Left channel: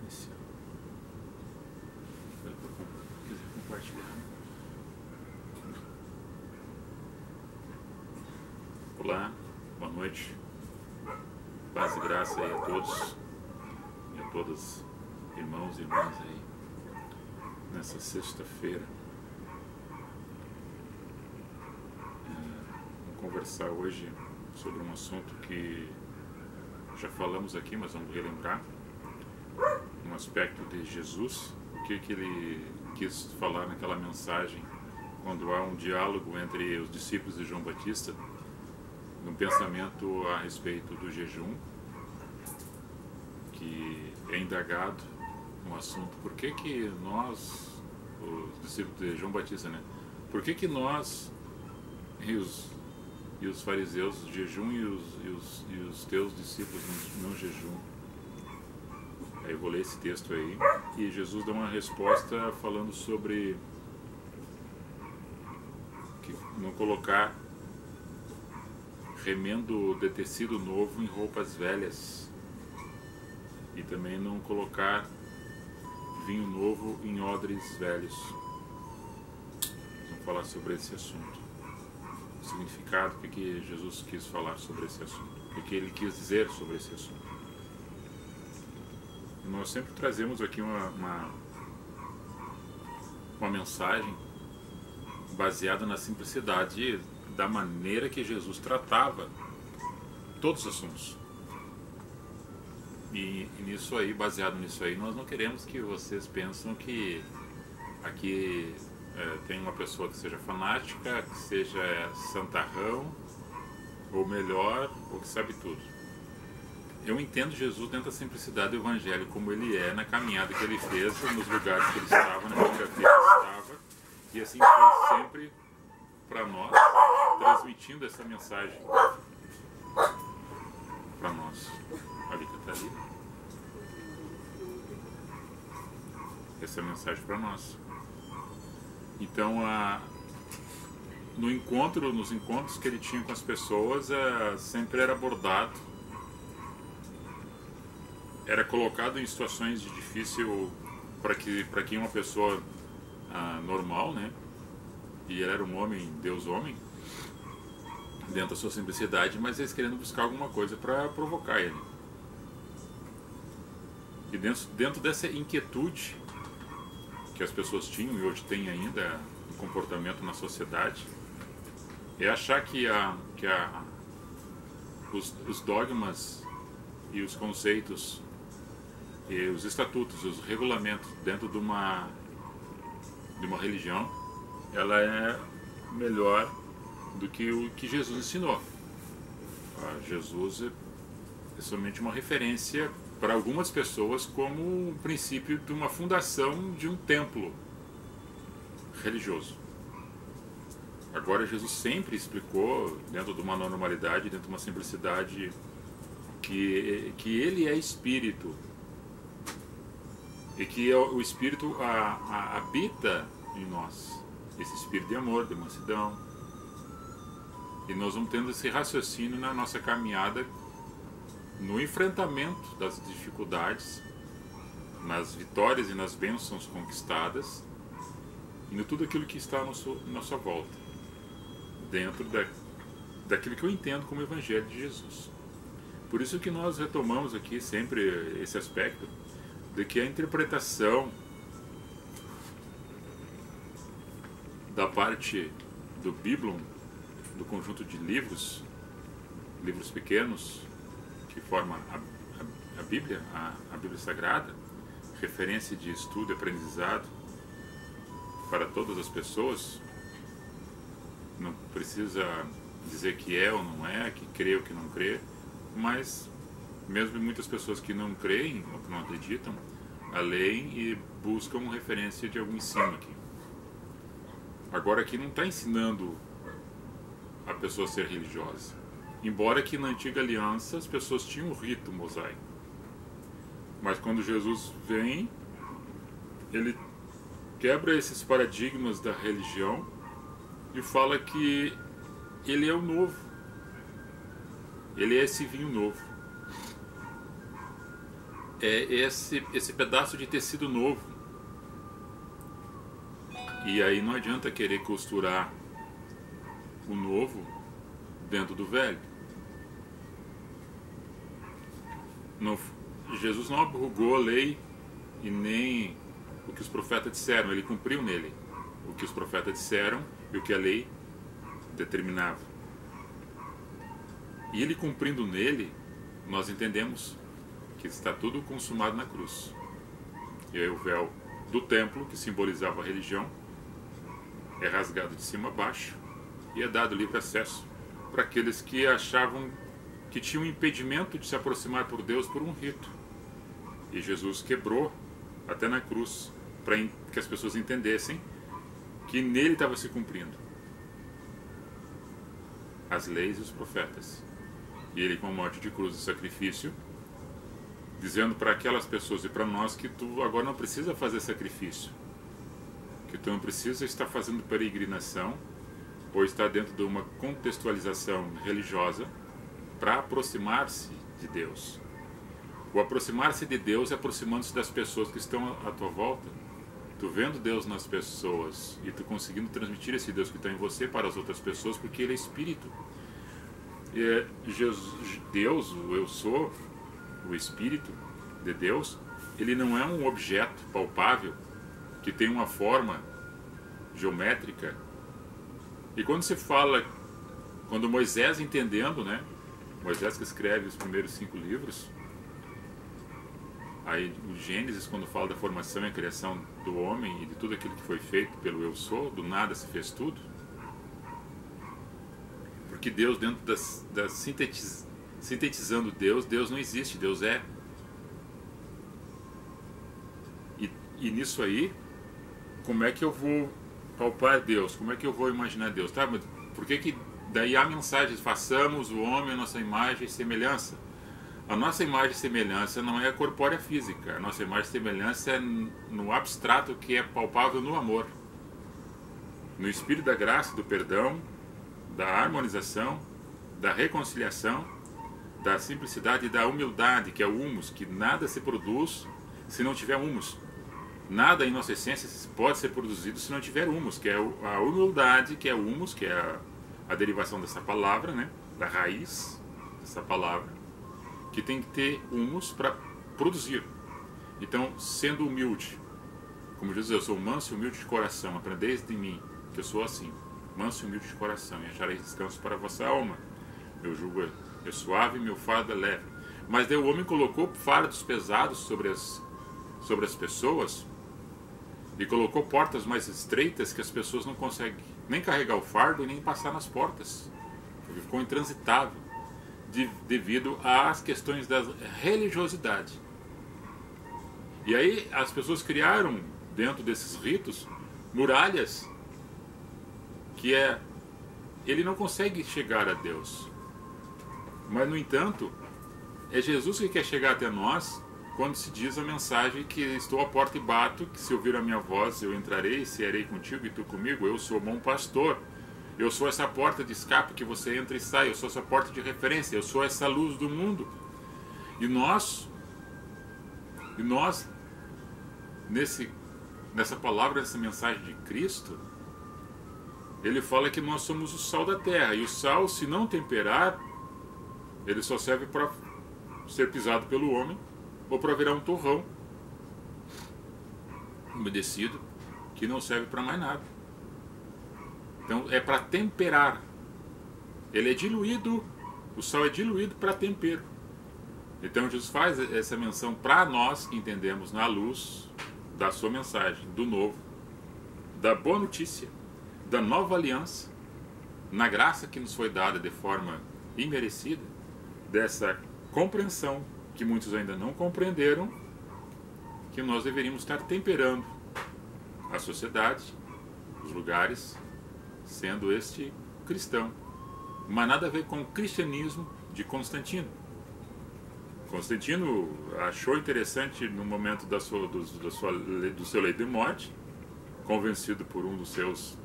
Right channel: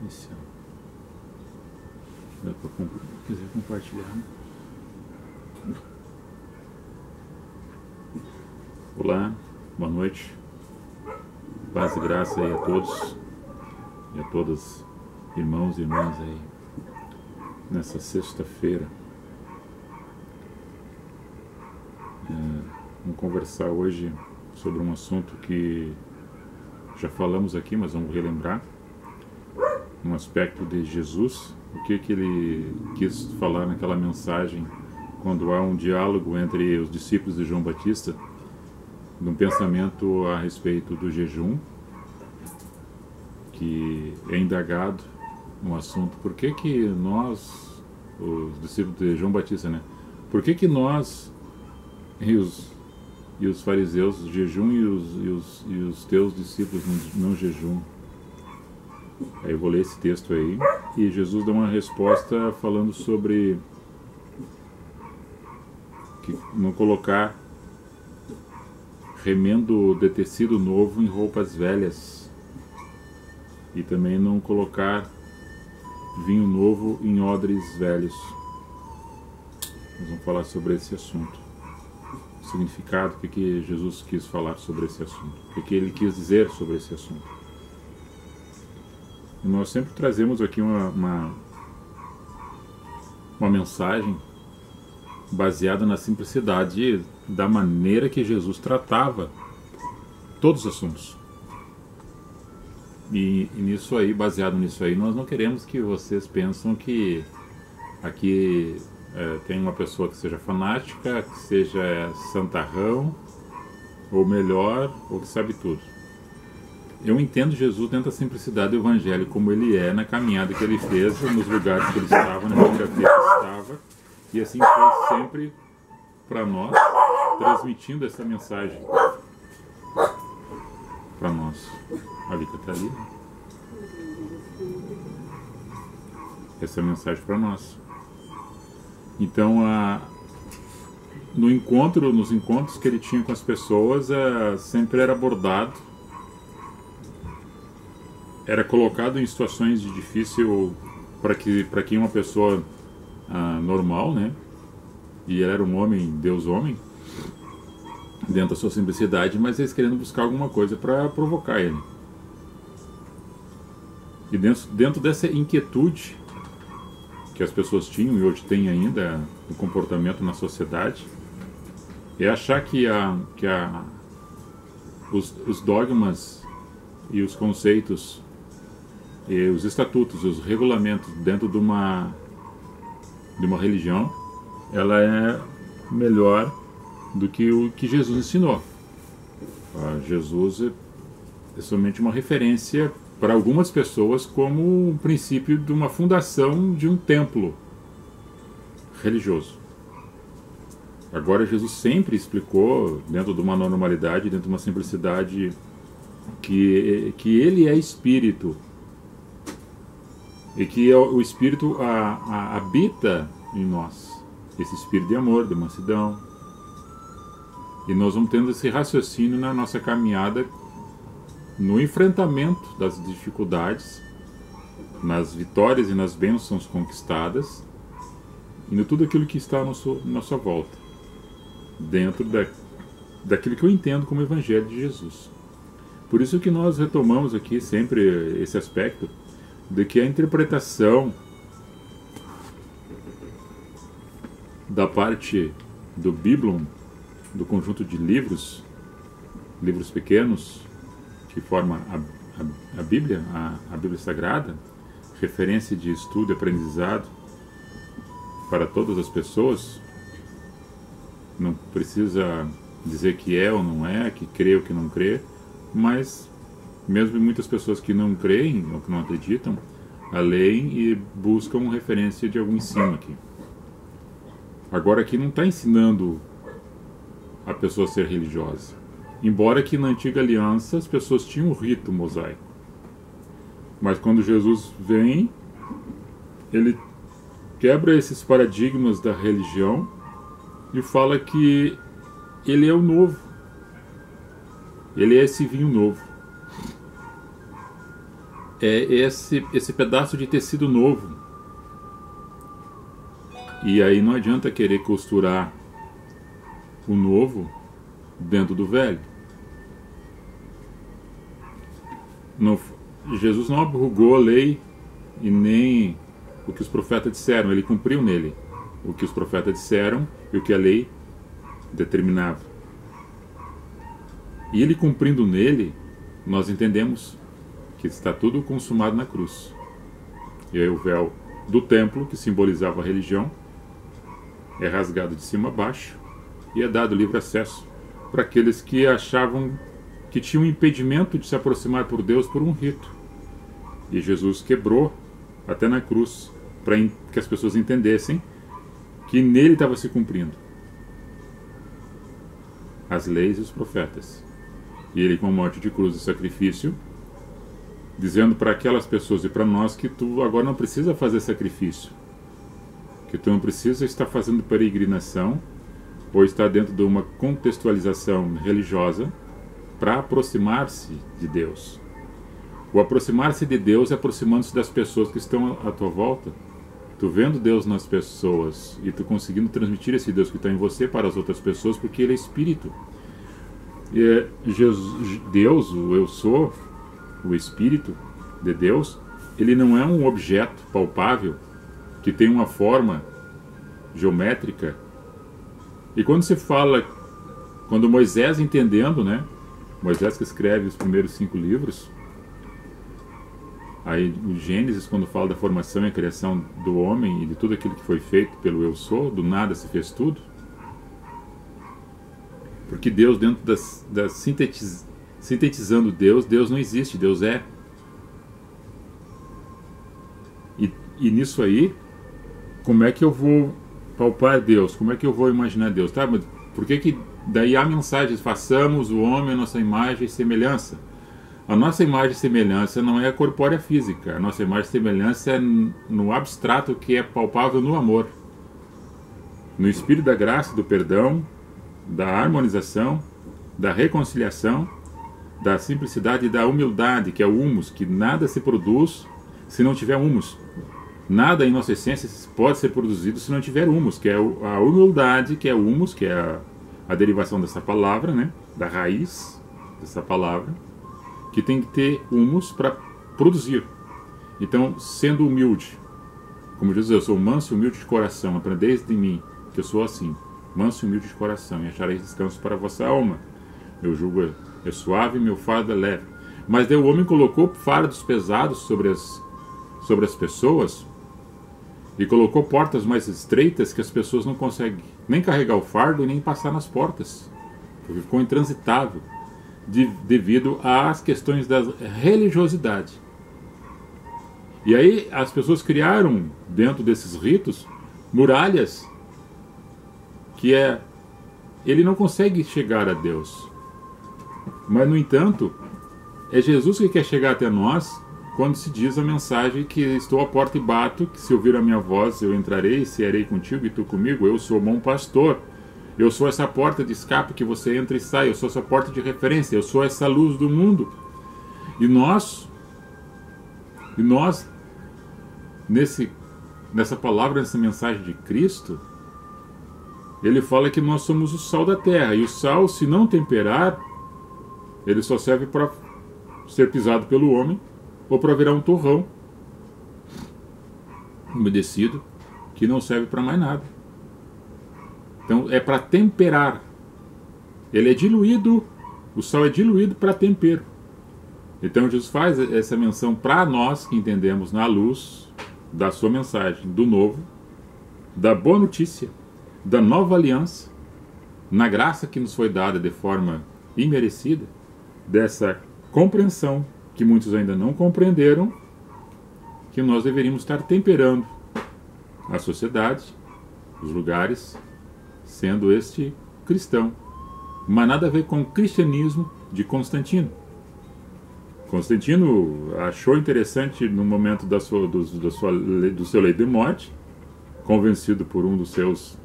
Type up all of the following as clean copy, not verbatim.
Iniciar. Dá para quiser compartilhar. Olá, boa noite. Paz e graça aí a todos e a todas, irmãos e irmãs aí, nessa sexta-feira. Vamos conversar hoje sobre um assunto que já falamos aqui, mas vamos relembrar. Um aspecto de Jesus, o que ele quis falar naquela mensagem quando há um diálogo entre os discípulos de João Batista, de um pensamento a respeito do jejum, que é indagado no assunto. Por que nós, os discípulos de João Batista, né? Por que nós e os fariseus jejum e os teus discípulos não jejum? Aí eu vou ler esse texto aí e Jesus dá uma resposta falando sobre que não colocar remendo de tecido novo em roupas velhas e também não colocar vinho novo em odres velhos. Nós vamos falar sobre esse assunto, o significado, o que Jesus quis falar sobre esse assunto, o que ele quis dizer sobre esse assunto. E nós sempre trazemos aqui uma mensagem baseada na simplicidade da maneira que Jesus tratava todos os assuntos. E nisso aí, baseado nisso aí, nós não queremos que vocês pensem que aqui tem uma pessoa que seja fanática, que seja santarrão, ou melhor, ou que sabe tudo. Eu entendo Jesus dentro da simplicidade do Evangelho, como ele é na caminhada que ele fez, nos lugares que ele estava, na geografia que estava, e assim foi sempre para nós, transmitindo essa mensagem para nós. A Vika está ali, né? Essa é a mensagem para nós. Então, nos encontros que ele tinha com as pessoas, sempre era abordado, era colocado em situações de difícil para que uma pessoa normal, né? E ele era um homem, Deus homem, dentro da sua simplicidade, mas eles querendo buscar alguma coisa para provocar ele. E dentro dessa inquietude que as pessoas tinham e hoje têm ainda no comportamento na sociedade, é achar que os dogmas e os conceitos e os estatutos, os regulamentos dentro de uma religião, ela é melhor do que o que Jesus ensinou. Jesus é somente uma referência para algumas pessoas como um princípio de uma fundação de um templo religioso. Agora Jesus sempre explicou, dentro de uma normalidade, dentro de uma simplicidade, que ele é Espírito e que o Espírito habita em nós, esse Espírito de amor, de mansidão. E nós vamos tendo esse raciocínio na nossa caminhada, no enfrentamento das dificuldades, nas vitórias e nas bênçãos conquistadas, e no tudo aquilo que está à nossa volta, dentro daquilo que eu entendo como Evangelho de Jesus. Por isso que nós retomamos aqui sempre esse aspecto de que a interpretação da parte do Biblon, do conjunto de livros pequenos que formam a Bíblia, a Bíblia Sagrada, referência de estudo e aprendizado para todas as pessoas, não precisa dizer que é ou não é, que crê ou que não crê, mas mesmo muitas pessoas que não creem ou que não acreditam, leem e buscam referência de algum ensino aqui. Agora aqui não está ensinando a pessoa a ser religiosa. Embora que na antiga aliança as pessoas tinham um rito mosaico. Mas quando Jesus vem, ele quebra esses paradigmas da religião e fala que ele é o novo. Ele é esse vinho novo. É esse pedaço de tecido novo. E aí não adianta querer costurar o novo dentro do velho. Jesus não abrogou a lei e nem o que os profetas disseram. Ele cumpriu nele o que os profetas disseram e o que a lei determinava. E ele cumprindo nele, nós entendemos que está tudo consumado na cruz. E aí o véu do templo, que simbolizava a religião, é rasgado de cima a baixo e é dado livre acesso para aqueles que achavam que tinham um impedimento de se aproximar por Deus por um rito. E Jesus quebrou até na cruz para que as pessoas entendessem que nele estava se cumprindo as leis e os profetas. E ele, com a morte de cruz e sacrifício, dizendo para aquelas pessoas e para nós que tu agora não precisa fazer sacrifício, que tu não precisa estar fazendo peregrinação ou estar dentro de uma contextualização religiosa para aproximar-se de Deus. O aproximar-se de Deus é aproximando-se das pessoas que estão à tua volta. Tu vendo Deus nas pessoas e tu conseguindo transmitir esse Deus que está em você para as outras pessoas, porque Ele é Espírito. E Deus, o Eu Sou, o Espírito de Deus, ele não é um objeto palpável que tem uma forma geométrica. E quando se fala, quando Moisés entendendo, né? Moisés que escreve os primeiros 5 livros, aí o Gênesis, quando fala da formação e a criação do homem e de tudo aquilo que foi feito pelo Eu Sou, do nada se fez tudo. Porque Deus, dentro sintetizando Deus não existe, Deus é. E nisso aí, como é que eu vou palpar Deus? Como é que eu vou imaginar Deus? Tá, mas por que daí há mensagens, façamos o homem a nossa imagem e semelhança? A nossa imagem e semelhança não é a corpórea física, a nossa imagem e semelhança é no abstrato que é palpável no amor. No espírito da graça, do perdão, da harmonização, da reconciliação, da simplicidade e da humildade, que é o humus, que nada se produz se não tiver humus. Nada em nossa essência pode ser produzido se não tiver humus, que é a humildade, que é o humus, que é a derivação dessa palavra, né? Da raiz dessa palavra, que tem que ter humus para produzir. Então, sendo humilde, como Jesus, eu sou manso e humilde de coração, aprendeis de mim, que eu sou assim, manso e humilde de coração, e achareis descanso para a vossa alma. Meu jugo é suave, meu fardo é leve. Mas daí o homem colocou fardos pesados sobre as pessoas e colocou portas mais estreitas que as pessoas não conseguem nem carregar o fardo e nem passar nas portas, porque ficou intransitável devido às questões da religiosidade. E aí as pessoas criaram dentro desses ritos muralhas que ele não consegue chegar a Deus. Mas, no entanto, é Jesus que quer chegar até nós quando se diz a mensagem que estou à porta e bato, que se ouvir a minha voz eu entrarei e cearei contigo e tu comigo. Eu sou o bom pastor. Eu sou essa porta de escape que você entra e sai. Eu sou essa porta de referência. Eu sou essa luz do mundo. E nós nessa palavra, nessa mensagem de Cristo, ele fala que nós somos o sal da terra. E o sal, se não temperar, ele só serve para ser pisado pelo homem ou para virar um torrão umedecido que não serve para mais nada. Então é para temperar. Ele é diluído, o sal é diluído para tempero. Então Jesus faz essa menção para nós que entendemos na luz da sua mensagem, do novo, da boa notícia, da nova aliança, na graça que nos foi dada de forma imerecida, dessa compreensão que muitos ainda não compreenderam, que nós deveríamos estar temperando a sociedade, os lugares sendo este cristão. Mas nada a ver com o cristianismo de Constantino. Constantino achou interessante no momento do seu leito de morte, convencido por um dos seus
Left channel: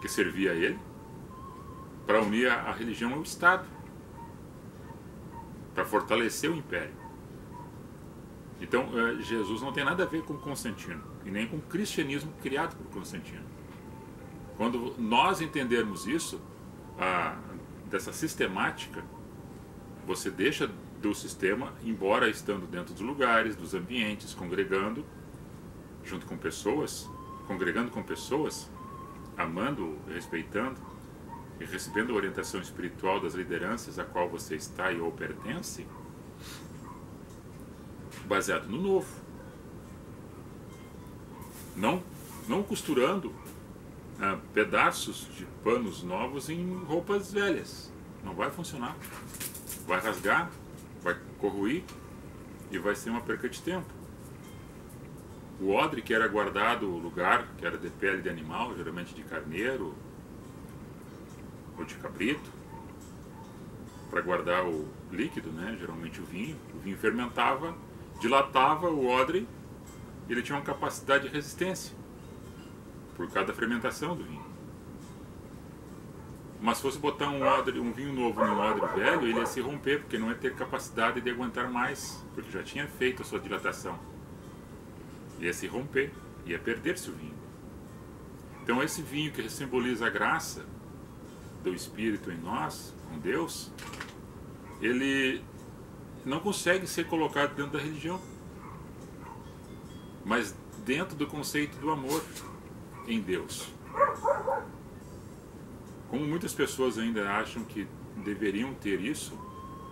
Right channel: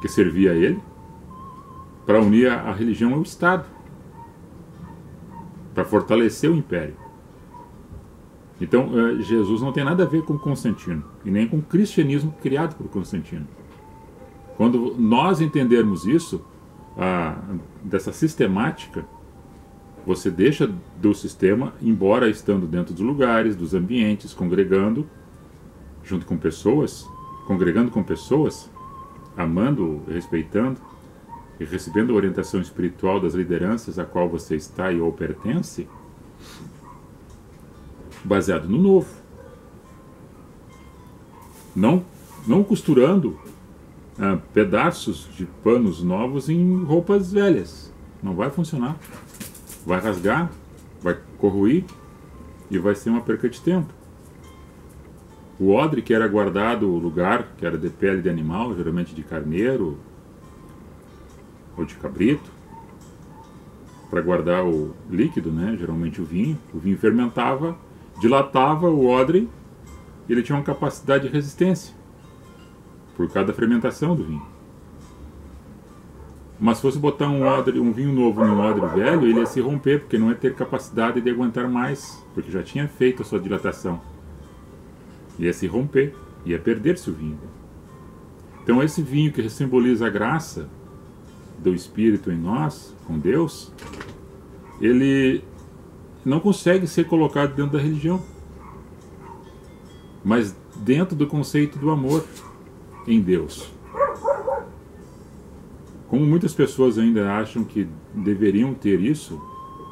que servia a ele, para unir a religião ao Estado, para fortalecer o império. Então, Jesus não tem nada a ver com Constantino, e nem com o cristianismo criado por Constantino. Quando nós entendermos isso, dessa sistemática, você deixa do sistema, embora estando dentro dos lugares, dos ambientes, congregando junto com pessoas, congregando com pessoas, amando, respeitando e recebendo a orientação espiritual das lideranças a qual você está e ou pertence, baseado no novo. Não costurando pedaços de panos novos em roupas velhas. Não vai funcionar. Vai rasgar, vai corroir e vai ser uma perca de tempo. O odre que era guardado, o lugar que era de pele de animal, geralmente de carneiro ou de cabrito, para guardar o líquido, né? Geralmente o vinho fermentava, dilatava o odre e ele tinha uma capacidade de resistência por cada fermentação do vinho. Mas se fosse botar um vinho novo num odre velho, ele ia se romper, porque não ia ter capacidade de aguentar mais, porque já tinha feito a sua dilatação. Ia se romper, ia perder-se o vinho. Então esse vinho que simboliza a graça do Espírito em nós, com Deus, ele não consegue ser colocado dentro da religião, mas dentro do conceito do amor em Deus. Como muitas pessoas ainda acham que deveriam ter isso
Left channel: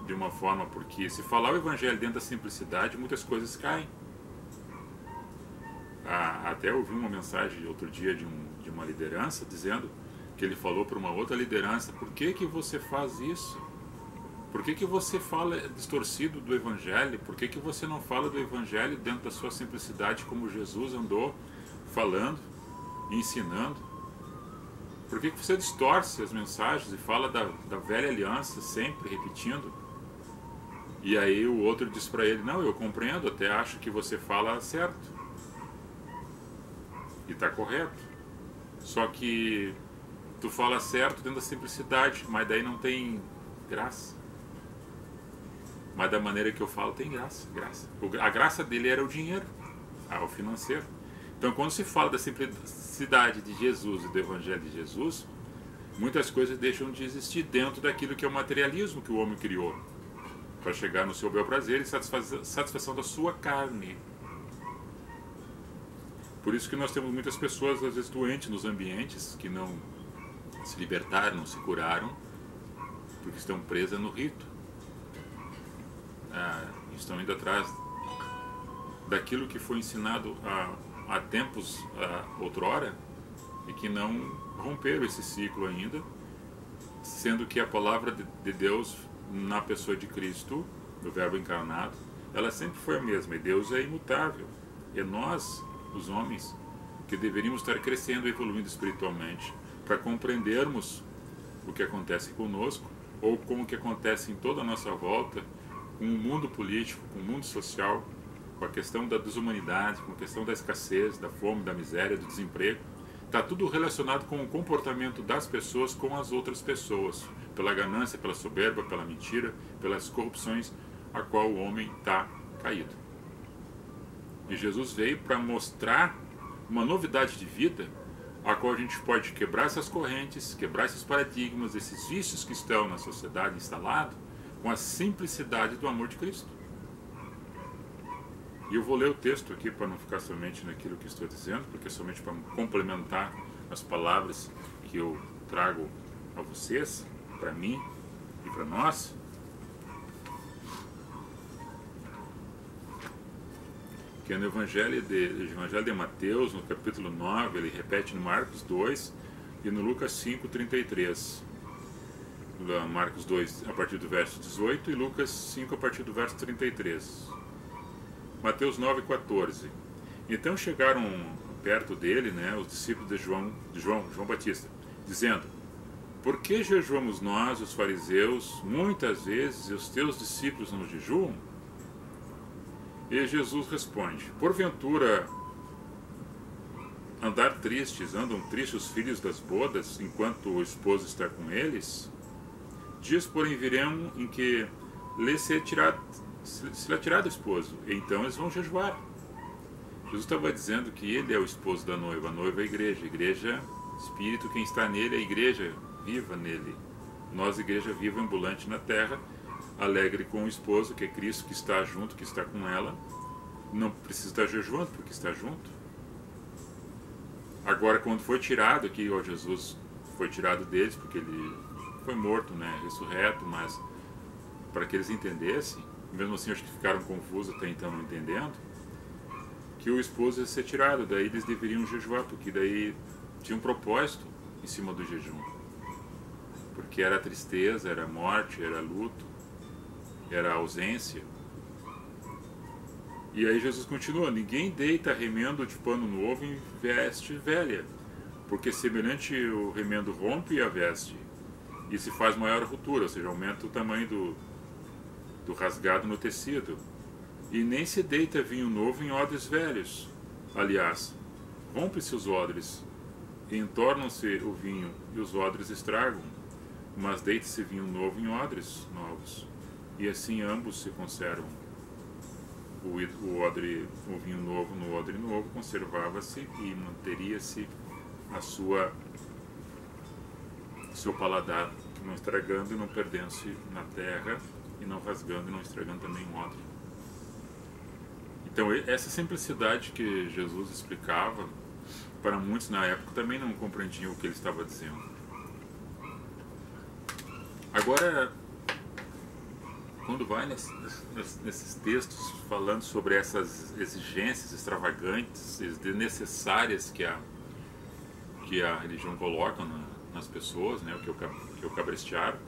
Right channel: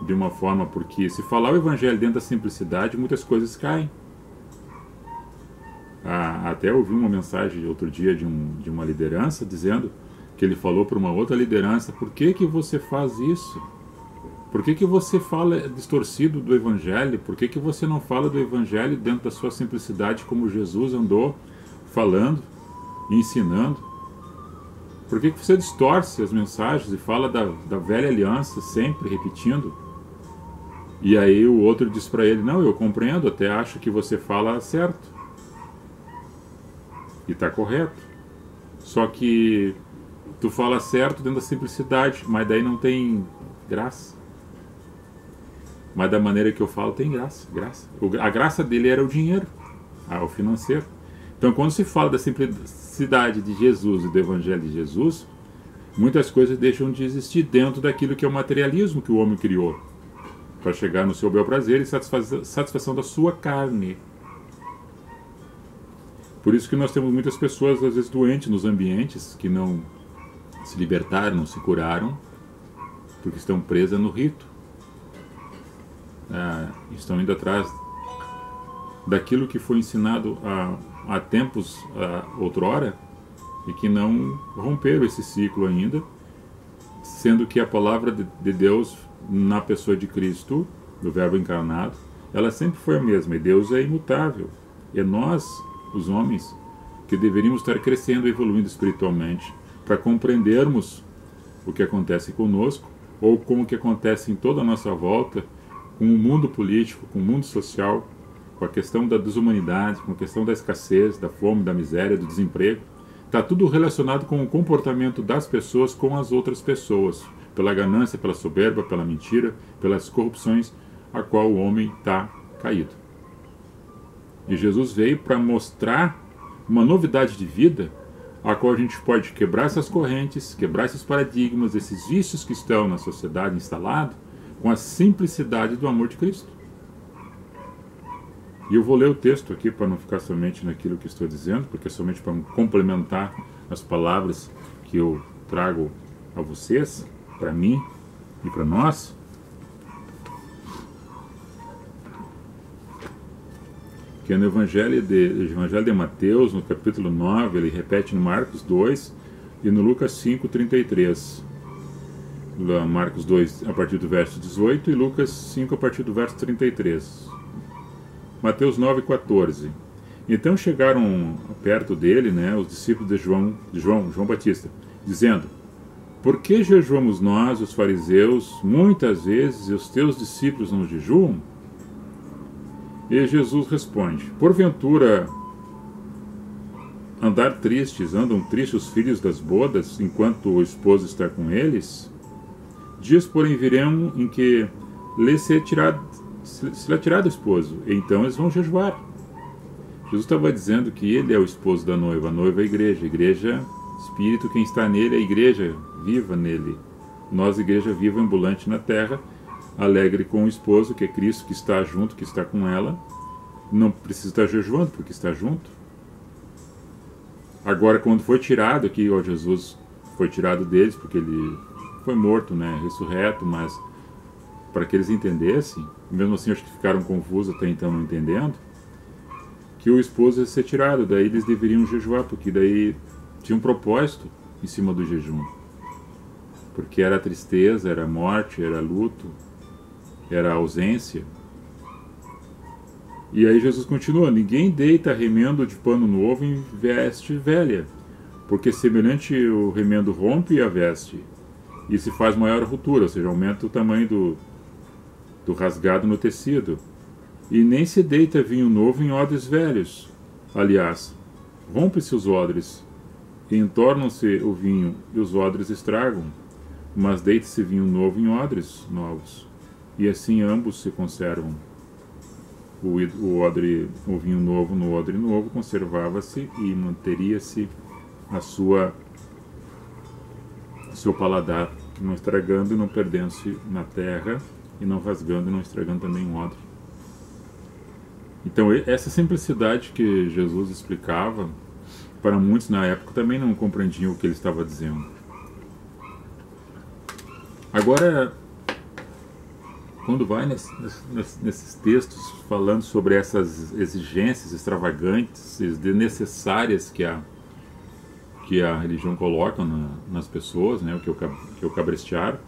de uma forma, porque se falar o Evangelho dentro da simplicidade, muitas coisas caem. Até ouvi uma mensagem outro dia de uma liderança dizendo que ele falou para uma outra liderança: por que você faz isso? Por que você fala distorcido do Evangelho? Por que você não fala do Evangelho dentro da sua simplicidade, como Jesus andou falando e ensinando? Por que você distorce as mensagens e fala da velha aliança, sempre repetindo? E aí o outro diz para ele: não, eu compreendo, até acho que você fala certo. E está correto. Só que tu fala certo dentro da simplicidade, mas daí não tem graça. Mas da maneira que eu falo tem graça. A graça dele era o dinheiro, o financeiro. Então, quando se fala da simplicidade de Jesus e do Evangelho de Jesus, muitas coisas deixam de existir dentro daquilo que é o materialismo que o homem criou, para chegar no seu bel prazer e satisfação da sua carne. Por isso que nós temos muitas pessoas, às vezes, doentes nos ambientes, que não se libertaram, não se curaram, porque estão presas no rito. Estão indo atrás daquilo que foi ensinado há tempos outrora e que não romperam esse ciclo ainda, sendo que a palavra de Deus na pessoa de Cristo, do Verbo encarnado, ela sempre foi a mesma, e Deus é imutável. É nós, os homens, que deveríamos estar crescendo e evoluindo espiritualmente para compreendermos o que acontece conosco, ou como que acontece em toda a nossa volta, com o mundo político, com o mundo social, com a questão da desumanidade, com a questão da escassez, da fome, da miséria, do desemprego. Está tudo relacionado com o comportamento das pessoas com as outras pessoas, pela ganância, pela soberba, pela mentira, pelas corrupções a qual o homem está caído. E Jesus veio para mostrar uma novidade de vida, a qual a gente pode quebrar essas correntes, quebrar esses paradigmas, esses vícios que estão na sociedade instalados, com a simplicidade do amor de Cristo. E eu vou ler o texto aqui para não ficar somente naquilo que estou dizendo, porque é somente para complementar as palavras que eu trago a vocês, para mim e para nós. Que é no Evangelho de Mateus, no capítulo 9, ele repete no Marcos 2 e no Lucas 5:33. Marcos 2 a partir do verso 18 e Lucas 5 a partir do verso 33. Mateus 9:14. Então chegaram perto dele, né, os discípulos de João Batista, dizendo: por que jejuamos nós, os fariseus, muitas vezes, e os teus discípulos não jejuam? E Jesus responde: porventura andam tristes os filhos das bodas, enquanto o esposo está com eles? Dias, porém, virão em que lhes será tirado o esposo, e então eles vão jejuar. Jesus estava dizendo que ele é o esposo da noiva, a noiva é a igreja, espírito, quem está nele é a igreja viva nele. Nós, igreja viva, ambulante na terra, alegre com o esposo, que é Cristo, que está junto, que está com ela, não precisa estar jejuando, porque está junto. Agora, quando foi tirado aqui, ó, Jesus foi tirado deles, porque ele foi morto, né, ressurreto, mas para que eles entendessem, mesmo assim acho que ficaram confusos até então não entendendo, que o esposo ia ser tirado, daí eles deveriam jejuar, porque daí tinha um propósito em cima do jejum. Porque era tristeza, era morte, era luto, era ausência. E aí Jesus continua: ninguém deita remendo de pano novo em veste velha, porque semelhante o remendo rompe a veste, e se faz maior a ruptura, ou seja, aumenta o tamanho do rasgado no tecido. E nem se deita vinho novo em odres velhos. Aliás, rompe-se os odres, e entornam-se o vinho, e os odres estragam. Mas deita-se vinho novo em odres novos, e assim ambos se conservam. O vinho novo no odre novo conservava-se e manteria-se seu paladar, não estragando e não perdendo-se na terra, e não rasgando e não estragando também o odre. Então, essa simplicidade que Jesus explicava, para muitos na época também não compreendiam o que ele estava dizendo. Agora, quando vai nesses textos falando sobre essas exigências extravagantes e desnecessárias que a religião coloca nas pessoas, né, o que é o cabrestear,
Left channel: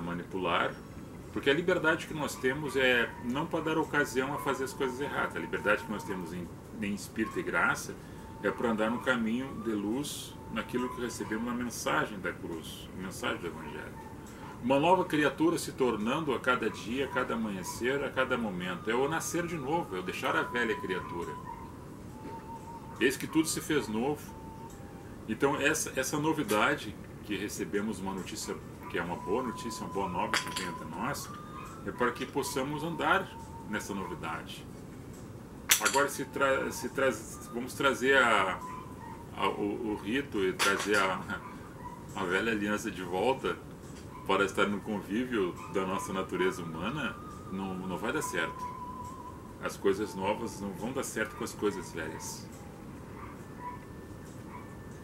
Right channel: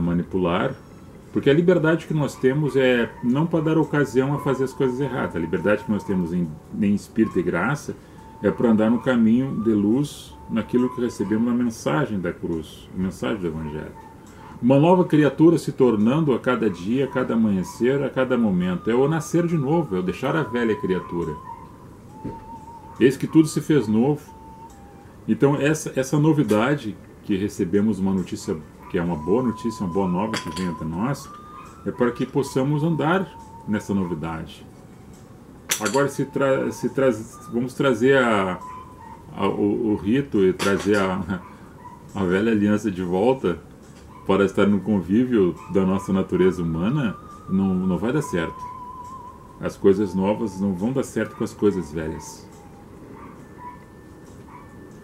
manipular, porque a liberdade que nós temos é não para dar ocasião a fazer as coisas erradas. A liberdade que nós temos em espírito e graça é para andar no caminho de luz, naquilo que recebemos na mensagem da cruz, a mensagem do Evangelho. Uma nova criatura se tornando a cada dia, a cada amanhecer, a cada momento. É o nascer de novo, é o deixar a velha criatura. Eis que tudo se fez novo. Então essa novidade que recebemos, uma notícia que é uma boa notícia, uma boa nova que vem até nós, é para que possamos andar nessa novidade. Agora vamos trazer o rito e trazer a velha aliança de volta para estar no convívio da nossa natureza humana, não vai dar certo. As coisas novas não vão dar certo com as coisas velhas.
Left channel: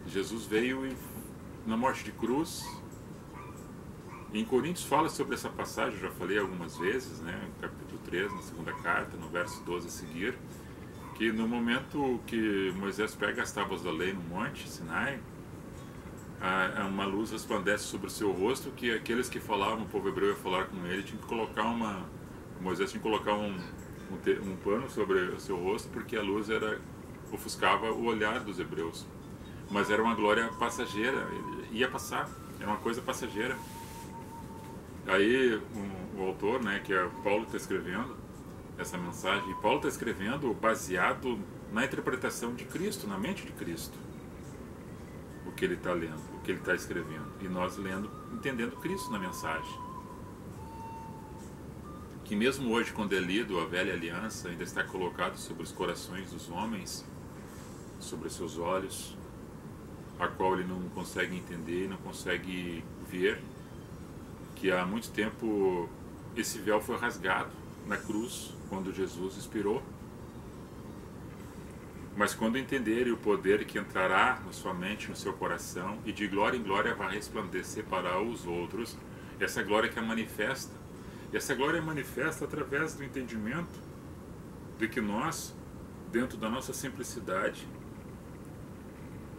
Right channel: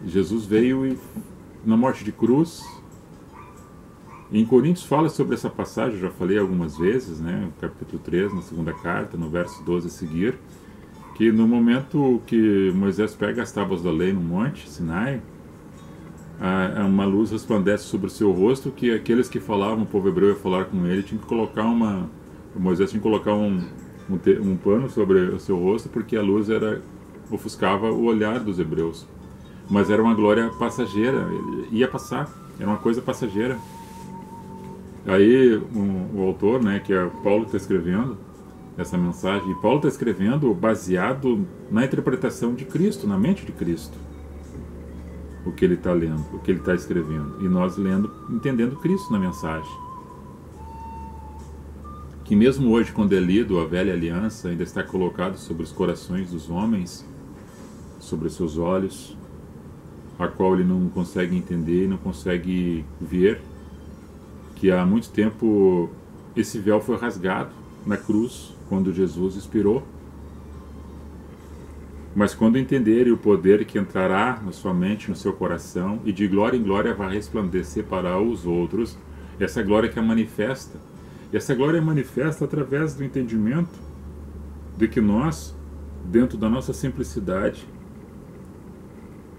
Jesus veio na morte de cruz. Em Coríntios fala sobre essa passagem, eu já falei algumas vezes, né, no capítulo 3, na segunda carta, no verso 12 a seguir, que no momento que Moisés pega as tábuas da lei no monte Sinai, uma luz resplandece sobre o seu rosto, que aqueles que falavam, o povo hebreu ia falar com ele, tinha que colocar Moisés tinha que colocar um pano sobre o seu rosto, porque a luz ofuscava o olhar dos hebreus. Mas era uma glória passageira, ia passar, era uma coisa passageira. Aí o autor, né, que é Paulo, está escrevendo essa mensagem, e Paulo está escrevendo baseado na interpretação de Cristo, na mente de Cristo, o que ele está lendo, o que ele está escrevendo, e nós lendo, entendendo Cristo na mensagem. Que mesmo hoje, quando é lido a velha aliança, ainda está colocado sobre os corações dos homens, sobre os seus olhos, a qual ele não consegue entender, não consegue ver, que há muito tempo esse véu foi rasgado na cruz, quando Jesus expirou. Mas quando entenderem o poder que entrará na sua mente, no seu coração, e de glória em glória vai resplandecer para os outros, essa glória que é manifesta. E essa glória é manifesta através do entendimento de que nós, dentro da nossa simplicidade,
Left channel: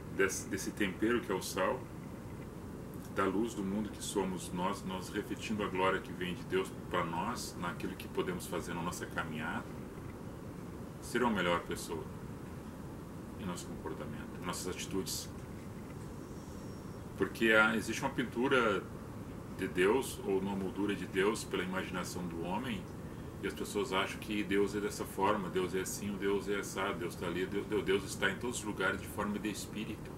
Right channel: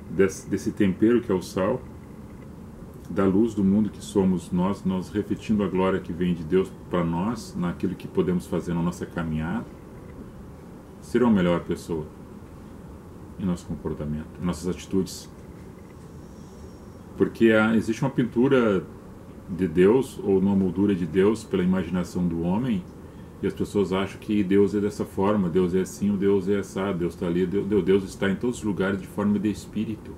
desse tempero que é o sal, da luz do mundo que somos nós refletindo a glória que vem de Deus para nós, naquilo que podemos fazer na nossa caminhada, ser uma melhor pessoa em nosso comportamento, em nossas atitudes. Porque existe uma pintura de Deus, ou uma moldura de Deus pela imaginação do homem, e as pessoas acham que Deus é dessa forma, Deus é assim, o Deus é assado, Deus está ali, Deus está em todos os lugares de forma de espírito.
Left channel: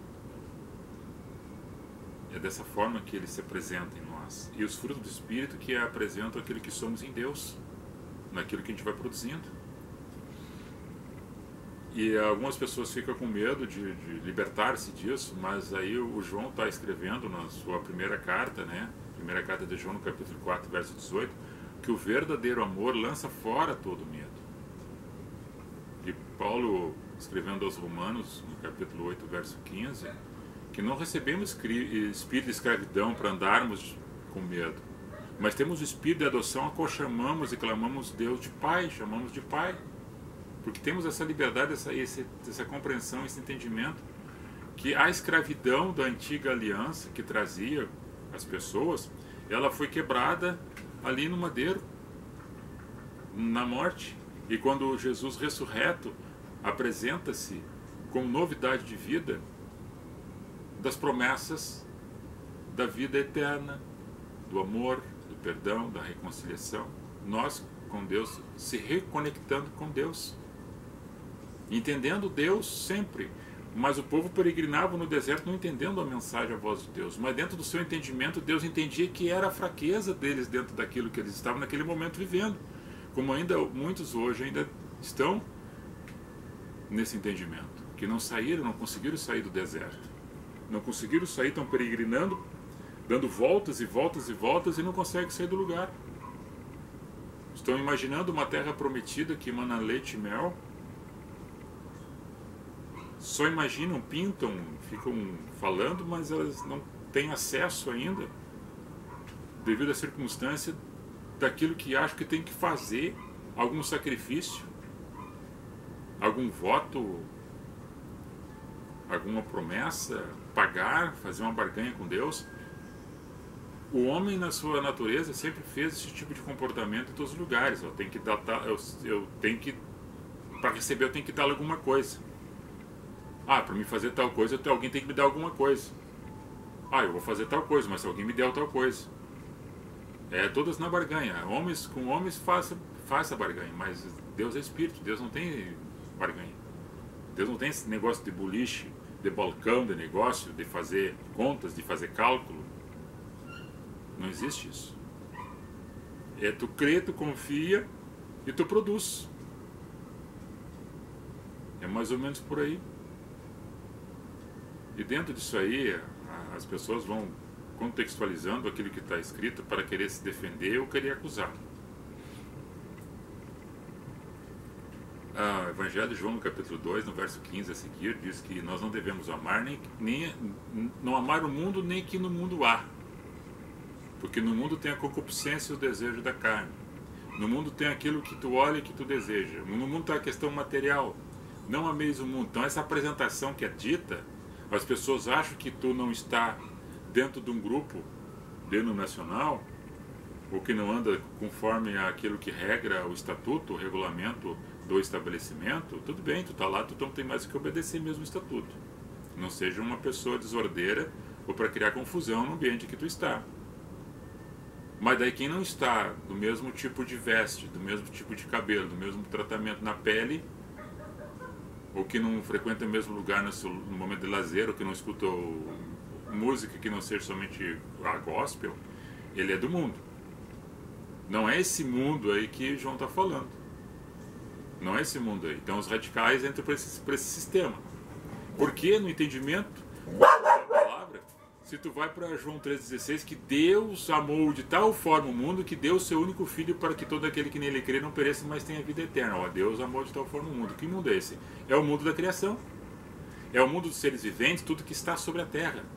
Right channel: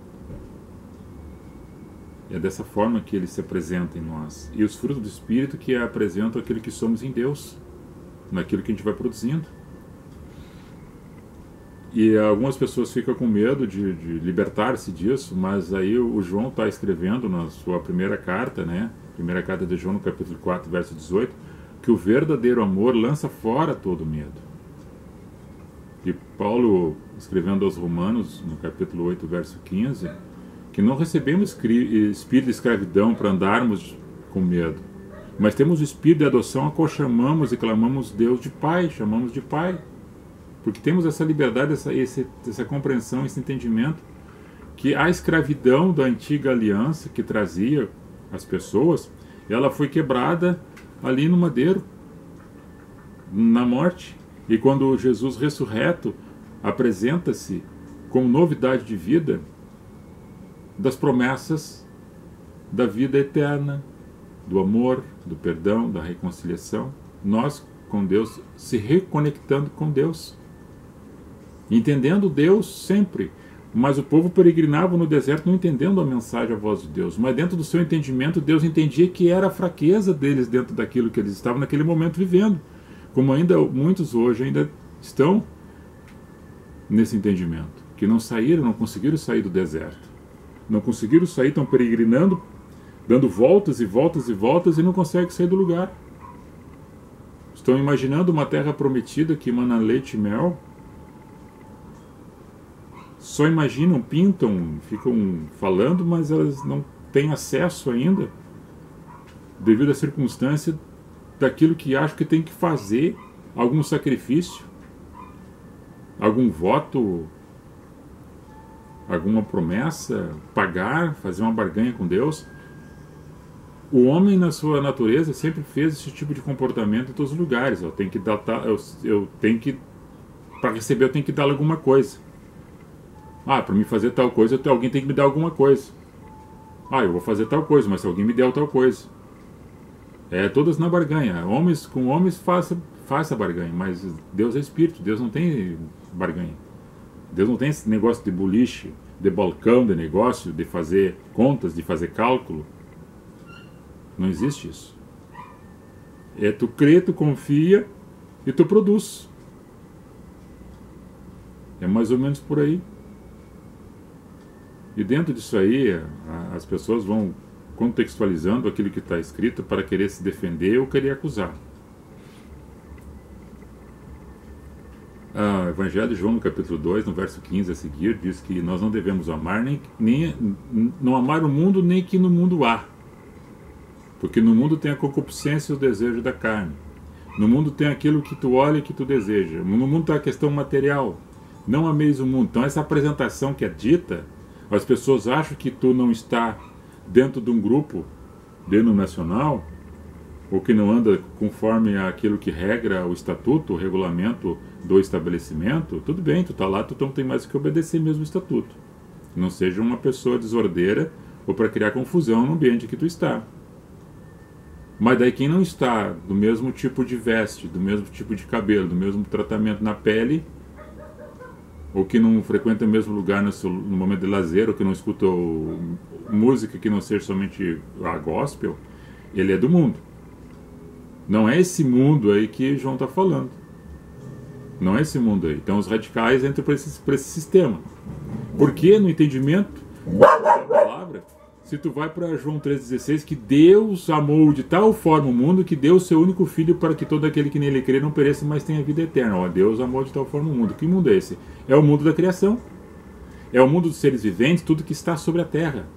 É dessa forma que ele se apresenta em nós. E os frutos do Espírito que apresentam aquilo que somos em Deus, naquilo que a gente vai produzindo. E algumas pessoas ficam com medo de libertar-se disso, mas aí o João está escrevendo na sua primeira carta, né? Primeira carta de João, no capítulo 4, verso 18, que o verdadeiro amor lança fora todo medo. E Paulo, escrevendo aos Romanos, no capítulo 8, verso 15, que não recebemos espírito de escravidão para andarmos com medo, mas temos o espírito de adoção a qual chamamos e clamamos Deus de Pai, chamamos de Pai. Porque temos essa liberdade, essa compreensão, esse entendimento que a escravidão da antiga aliança que trazia as pessoas, ela foi quebrada ali no madeiro, na morte. E quando Jesus ressurreto apresenta-se como novidade de vida das promessas da vida eterna, do amor, do perdão, da reconciliação, nós com Deus, se reconectando com Deus, entendendo Deus sempre. Mas o povo peregrinava no deserto não entendendo a mensagem, a voz de Deus. Mas dentro do seu entendimento, Deus entendia que era a fraqueza deles dentro daquilo que eles estavam naquele momento vivendo. Como ainda muitos hoje ainda estão nesse entendimento. Que não saíram, não conseguiram sair do deserto. Não conseguiram sair, estão peregrinando, dando voltas e voltas e voltas e não conseguem sair do lugar. Estão imaginando uma terra prometida que emana leite e mel. Só imaginam, pintam, ficam falando, mas elas não têm acesso ainda, devido à circunstância daquilo que acham que tem que fazer, algum sacrifício, algum voto, alguma promessa, pagar, fazer uma barganha com Deus. O homem, na sua natureza, sempre fez esse tipo de comportamento em todos os lugares. Eu tenho que dar, para receber, eu tenho que dar alguma coisa. Para me fazer tal coisa, alguém tem que me dar alguma coisa. Eu vou fazer tal coisa, mas se alguém me der tal coisa. Todas na barganha. Homens com homens faça barganha, mas Deus é espírito, Deus não tem barganha. Deus não tem esse negócio de boliche, de balcão, de negócio, de fazer contas, de fazer cálculo. Não existe isso. Tu crê, tu confia e tu produz. É mais ou menos por aí. E dentro disso aí, as pessoas vão contextualizando aquilo que está escrito para querer se defender ou querer acusar. O Evangelho de João, no capítulo 2, no verso 15 a seguir, diz que nós não devemos amar não amar o mundo, nem que no mundo há. Porque no mundo tem a concupiscência e o desejo da carne. No mundo tem aquilo que tu olha e que tu deseja. No mundo está a questão material. Não ameis o mundo. Então essa apresentação que é dita, as pessoas acham que tu não está dentro de um grupo denominacional, ou que não anda conforme aquilo que regra o estatuto, o regulamento do estabelecimento. Tudo bem, tu está lá, tu não tem mais que obedecer mesmo o estatuto. Não seja uma pessoa desordeira ou para criar confusão no ambiente que tu está. Mas daí quem não está do mesmo tipo de veste, do mesmo tipo de cabelo, do mesmo tratamento na pele, ou que não frequenta o mesmo lugar no momento de lazer, ou que não escuta música que não seja somente a gospel, ele é do mundo. Não é esse mundo aí que João está falando. Não é esse mundo aí. Então os radicais entram para esse sistema. Porque no entendimento da palavra, se tu vai para João 3,16, que Deus amou de tal forma o mundo que deu o seu único filho para que todo aquele que nele crê não pereça, mas tenha vida eterna. Deus amou de tal forma o mundo. Que mundo é esse? É o mundo da criação. É o mundo dos seres viventes, tudo que está sobre a terra.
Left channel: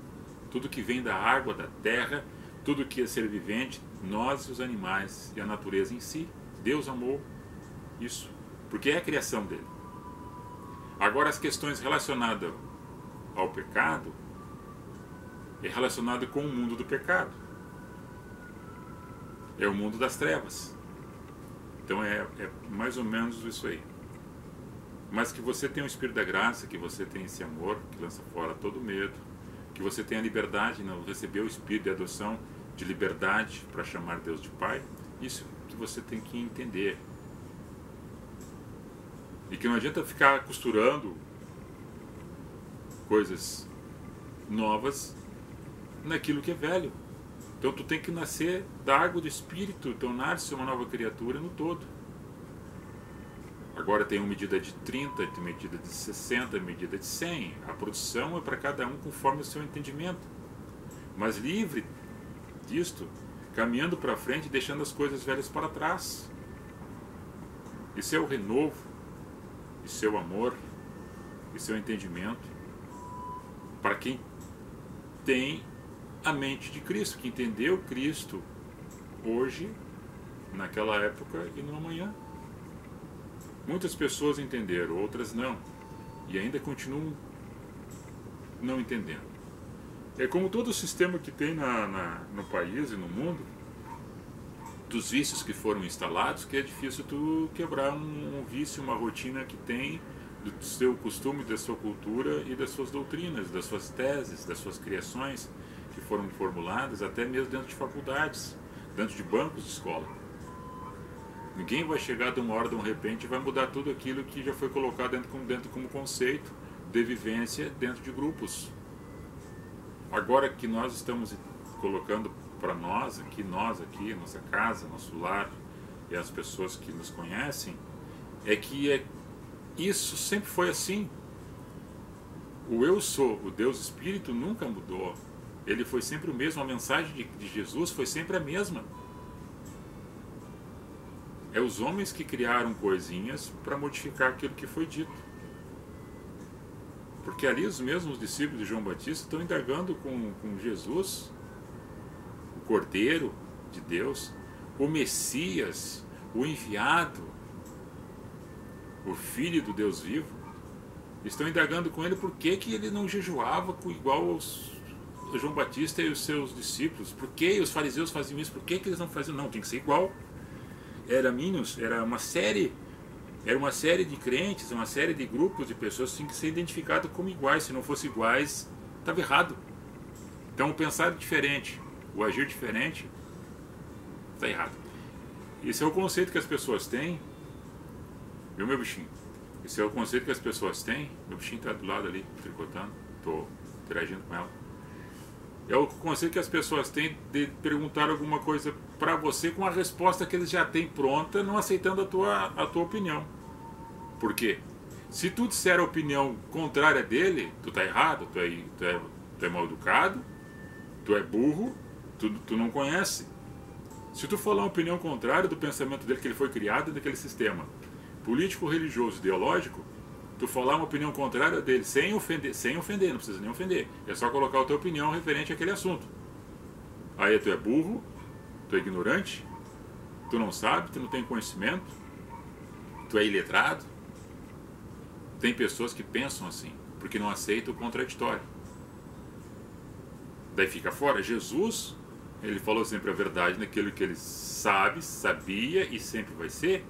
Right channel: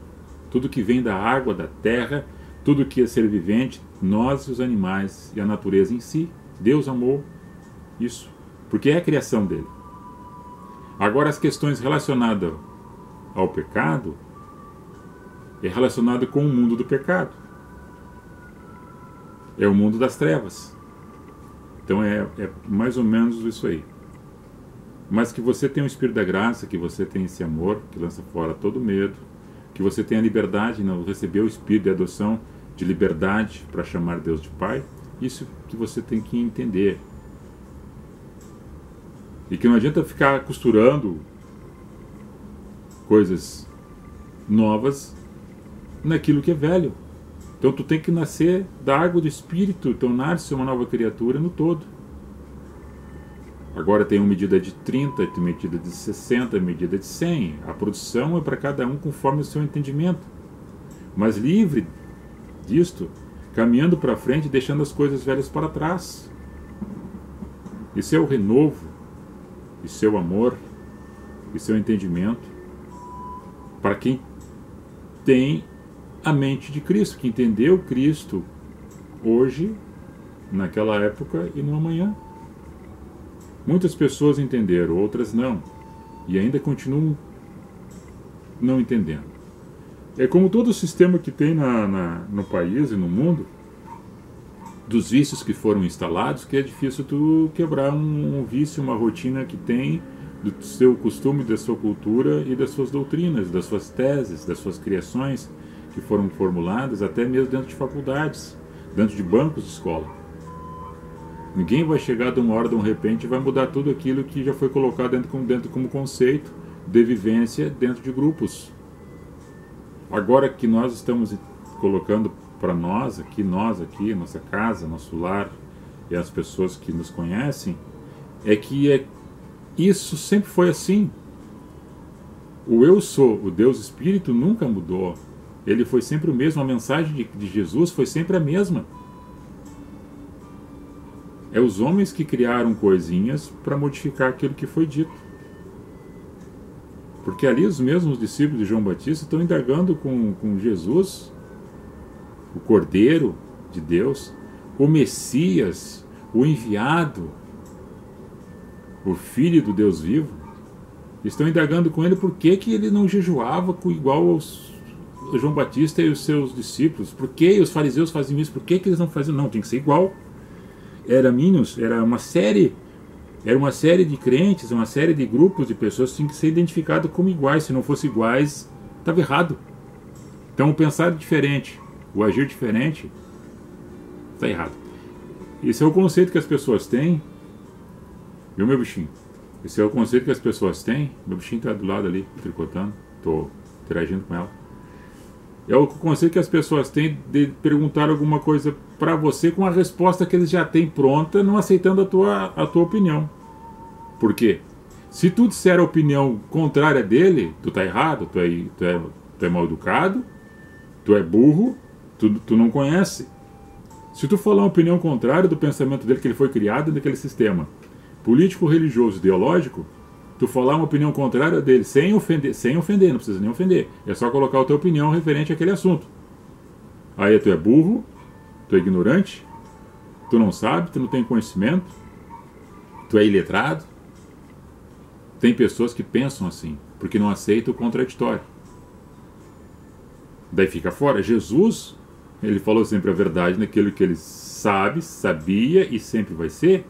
Tudo que vem da água, da terra, tudo que é ser vivente, nós e os animais e a natureza em si. Deus amou isso, porque é a criação dele. Agora as questões relacionadas ao pecado é relacionado com o mundo do pecado. É o mundo das trevas. Então é mais ou menos isso aí. mas que você tem o Espírito da Graça, que você tem esse amor que lança fora todo medo, que você tem a liberdade, não receber o Espírito de adoção, de liberdade para chamar Deus de Pai. Isso que você tem que entender. E que não adianta ficar costurando coisas novas naquilo que é velho. Então tu tem que nascer da água do Espírito, tornar-se uma nova criatura no todo. Agora tem uma medida de 30, tem medida de 60, medida de 100. A produção é para cada um conforme o seu entendimento. Mas livre disto, caminhando para frente, deixando as coisas velhas para trás. Isso é o renovo, isso é o amor, isso é o entendimento. Para quem tem a mente de Cristo, que entendeu Cristo hoje, naquela época e no amanhã. Muitas pessoas entenderam, outras não, e ainda continuam não entendendo. É como todo o sistema que tem no país e no mundo, dos vícios que foram instalados, que é difícil tu quebrar um vício, uma rotina que tem do seu costume, da sua cultura e das suas doutrinas, das suas teses, das suas criações que foram formuladas até mesmo dentro de faculdades, dentro de bancos de escola. Ninguém vai chegar de uma hora, de um repente, e vai mudar tudo aquilo que já foi colocado dentro como conceito de vivência dentro de grupos. Agora que nós estamos colocando para nós aqui, nossa casa, nosso lar, e as pessoas que nos conhecem, isso sempre foi assim. O eu sou, o Deus Espírito, nunca mudou. Ele foi sempre o mesmo, a mensagem de Jesus foi sempre a mesma. É os homens que criaram coisinhas para modificar aquilo que foi dito. Porque ali os mesmos discípulos de João Batista estão indagando com Jesus, o Cordeiro de Deus, o Messias, o enviado, o Filho do Deus vivo. Estão indagando com ele por que ele não jejuava igual aos João Batista e os seus discípulos. Por que os fariseus faziam isso? Por que eles não faziam? Não, tem que ser igual. Era uma série de crentes, uma série de grupos de pessoas que tinham que ser identificados como iguais. Se não fossem iguais, estava errado. Então o pensar diferente, o agir diferente, está errado. Esse é o conceito que as pessoas têm. Viu, meu bichinho? Esse é o conceito que as pessoas têm. Meu bichinho está do lado ali, tricotando. Estou interagindo com ela. É o conceito que as pessoas têm de perguntar alguma coisa para você com a resposta que eles já têm pronta, não aceitando a tua opinião. Por quê? Se tu disser a opinião contrária dele, tu tá errado, tu é mal educado, tu é burro, tu não conhece. Se tu falar uma opinião contrária do pensamento dele, que ele foi criado naquele sistema político, religioso, ideológico, tu falar uma opinião contrária dele sem ofender, não precisa nem ofender, é só colocar a tua opinião referente àquele assunto. Aí tu é burro, tu é ignorante, tu não sabe, tu não tem conhecimento, tu é iletrado. Tem pessoas que pensam assim, porque não aceitam o contraditório. Daí fica fora. Jesus, ele falou sempre a verdade naquilo que ele sabe, sabia e sempre vai ser.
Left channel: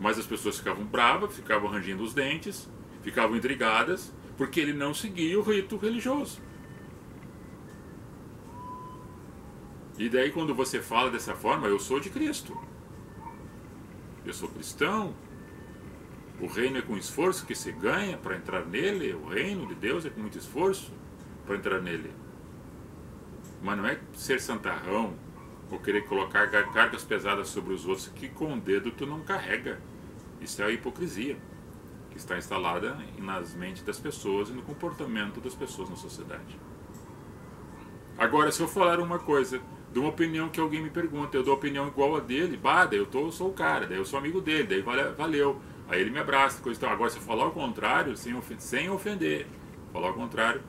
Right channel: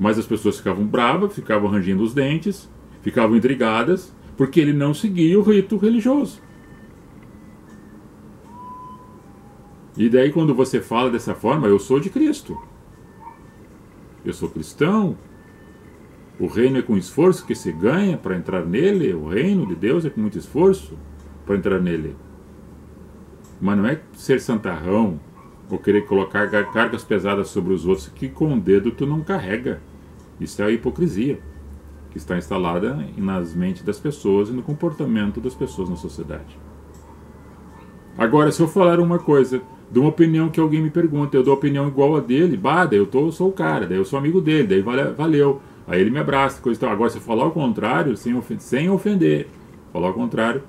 Mas as pessoas ficavam bravas, ficavam rangendo os dentes, ficavam intrigadas, porque ele não seguia o rito religioso. E daí quando você fala dessa forma, eu sou de Cristo. Eu sou cristão. O reino é com esforço que se ganha para entrar nele. O reino de Deus é com muito esforço para entrar nele. Mas não é ser santarrão ou querer colocar cargas pesadas sobre os outros que com o dedo tu não carrega. Isso é a hipocrisia que está instalada nas mentes das pessoas e no comportamento das pessoas na sociedade. Agora, se eu falar uma coisa, de uma opinião que alguém me pergunta, eu dou opinião igual a dele, daí eu sou o cara, daí eu sou amigo dele, daí valeu. Aí ele me abraça, coisa e tal. Agora, se eu falar o contrário, sem ofender, falar o contrário,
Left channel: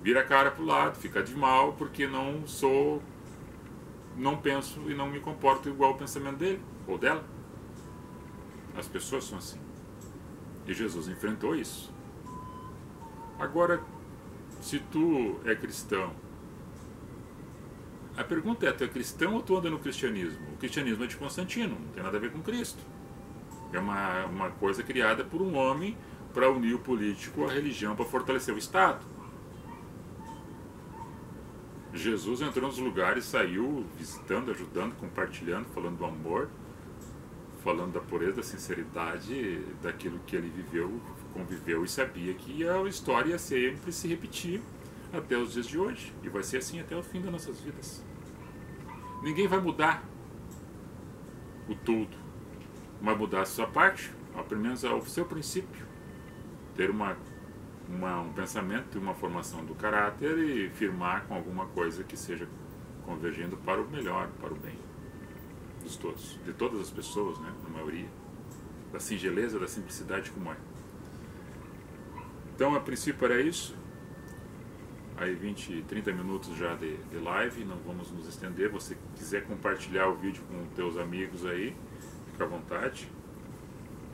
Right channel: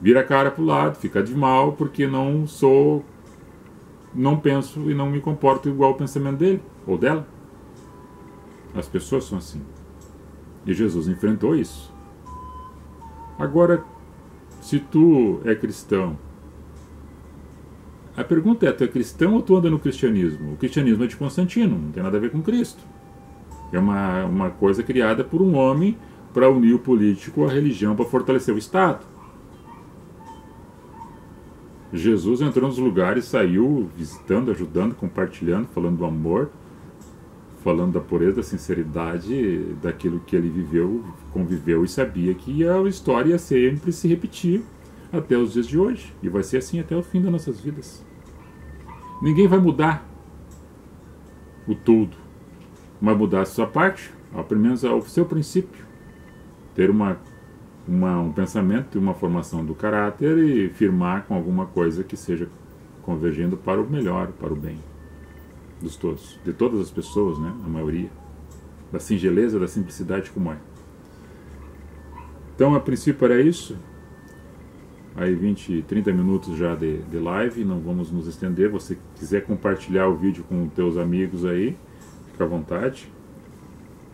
vira a cara pro lado, fica de mal, porque não penso e não me comporto igual ao pensamento dele ou dela. As pessoas são assim. E Jesus enfrentou isso. Agora, se tu é cristão, a pergunta é, tu é cristão ou tu anda no cristianismo? O cristianismo é de Constantino, não tem nada a ver com Cristo. É uma coisa criada por um homem para unir o político à religião, para fortalecer o Estado. Jesus entrou nos lugares, saiu visitando, ajudando, compartilhando, falando do amor, falando da pureza, da sinceridade, daquilo que ele viveu, conviveu e sabia que a história ia sempre se repetir até os dias de hoje. E vai ser assim até o fim das nossas vidas. Ninguém vai mudar o tudo. Vai mudar a sua parte, pelo menos o seu princípio. Ter um pensamento e uma formação do caráter e firmar com alguma coisa que seja convergindo para o melhor, para o bem dos todos, de todas as pessoas, né? A maioria. Da singeleza, da simplicidade como é. Então, a princípio era isso. Aí 20, 30 minutos já de live, não vamos nos estender. Você quiser compartilhar o vídeo com os teus amigos aí, fica à vontade,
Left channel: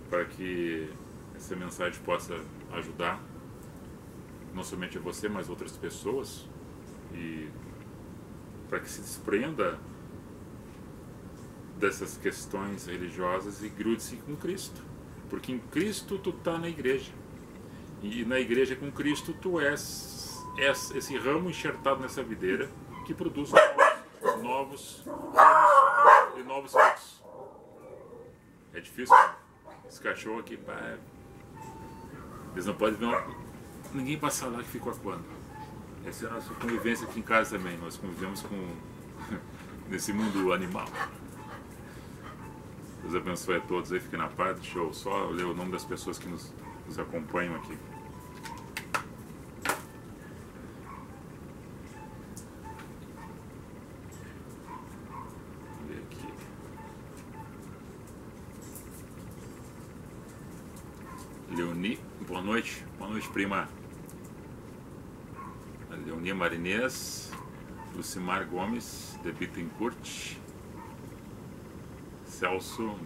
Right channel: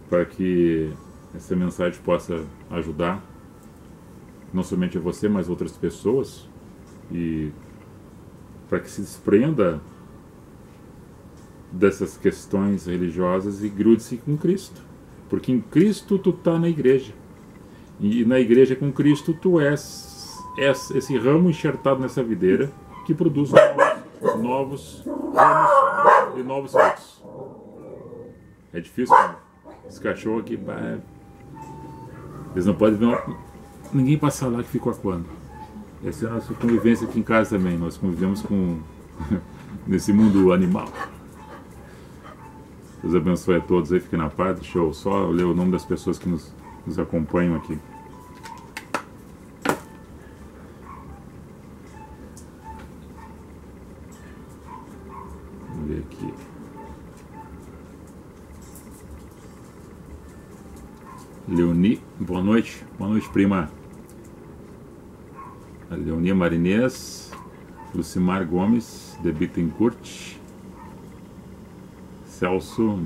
para que essa mensagem possa ajudar não somente a você, mas outras pessoas, e para que se desprenda dessas questões religiosas e grude-se com Cristo, porque em Cristo tu está na igreja, e na igreja com Cristo tu és esse ramo enxertado nessa videira que produz novos ramos e novos frutos. É difícil, né? Esse cachorro aqui, eles não podem ver ninguém passar lá que ficou acuando. Essa é a nossa convivência aqui em casa também. Nós convivemos com nesse mundo animal. Deus abençoe a todos aí, fiquem na paz. Deixa eu só ler o nome das pessoas que nos acompanham aqui. Vamos ver aqui. Leoni, boa noite prima. A Leonia Marinês, Lucimar Gomes, de Bittencourt, Celso,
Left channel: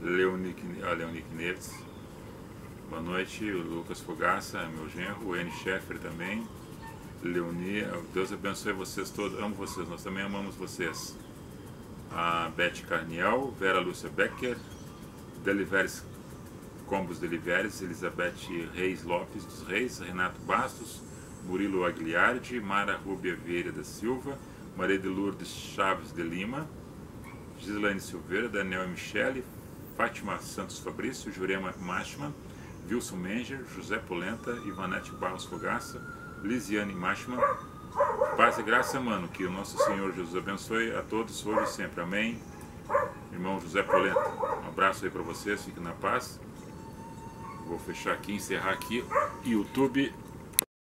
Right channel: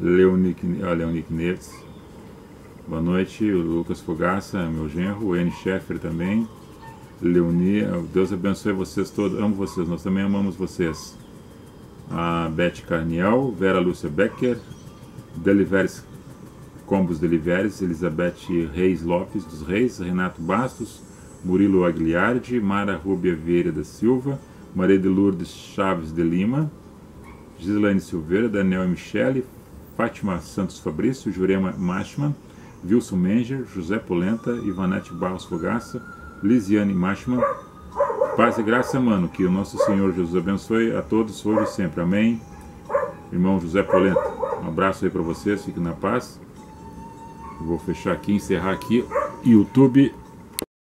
Leonic Neves, boa noite, o Lucas Fogaça, meu genro, o N. Scheffer também, Leonia, Deus abençoe vocês todos, amo vocês, nós também amamos vocês. A Beth Carniel, Vera Lúcia Becker, Deliveres Combos Deliveres, Elizabeth Reis Lopes dos Reis, Renato Bastos, Murilo Agliardi, Mara Rúbia Vieira da Silva, Maria de Lourdes Chaves de Lima, Gislaine Silveira, Daniel Michele, Fátima Santos Fabrício, Jurema Machman, Wilson Menger, José Polenta, Ivanete Barros Fogaça, Lisiane Machman. Paz e graça, mano, que o nosso Senhor Jesus abençoe a todos hoje e sempre. Amém. Irmão José Polenta, um abraço aí para vocês, fiquem na paz. Vou fechar aqui, encerrar aqui. YouTube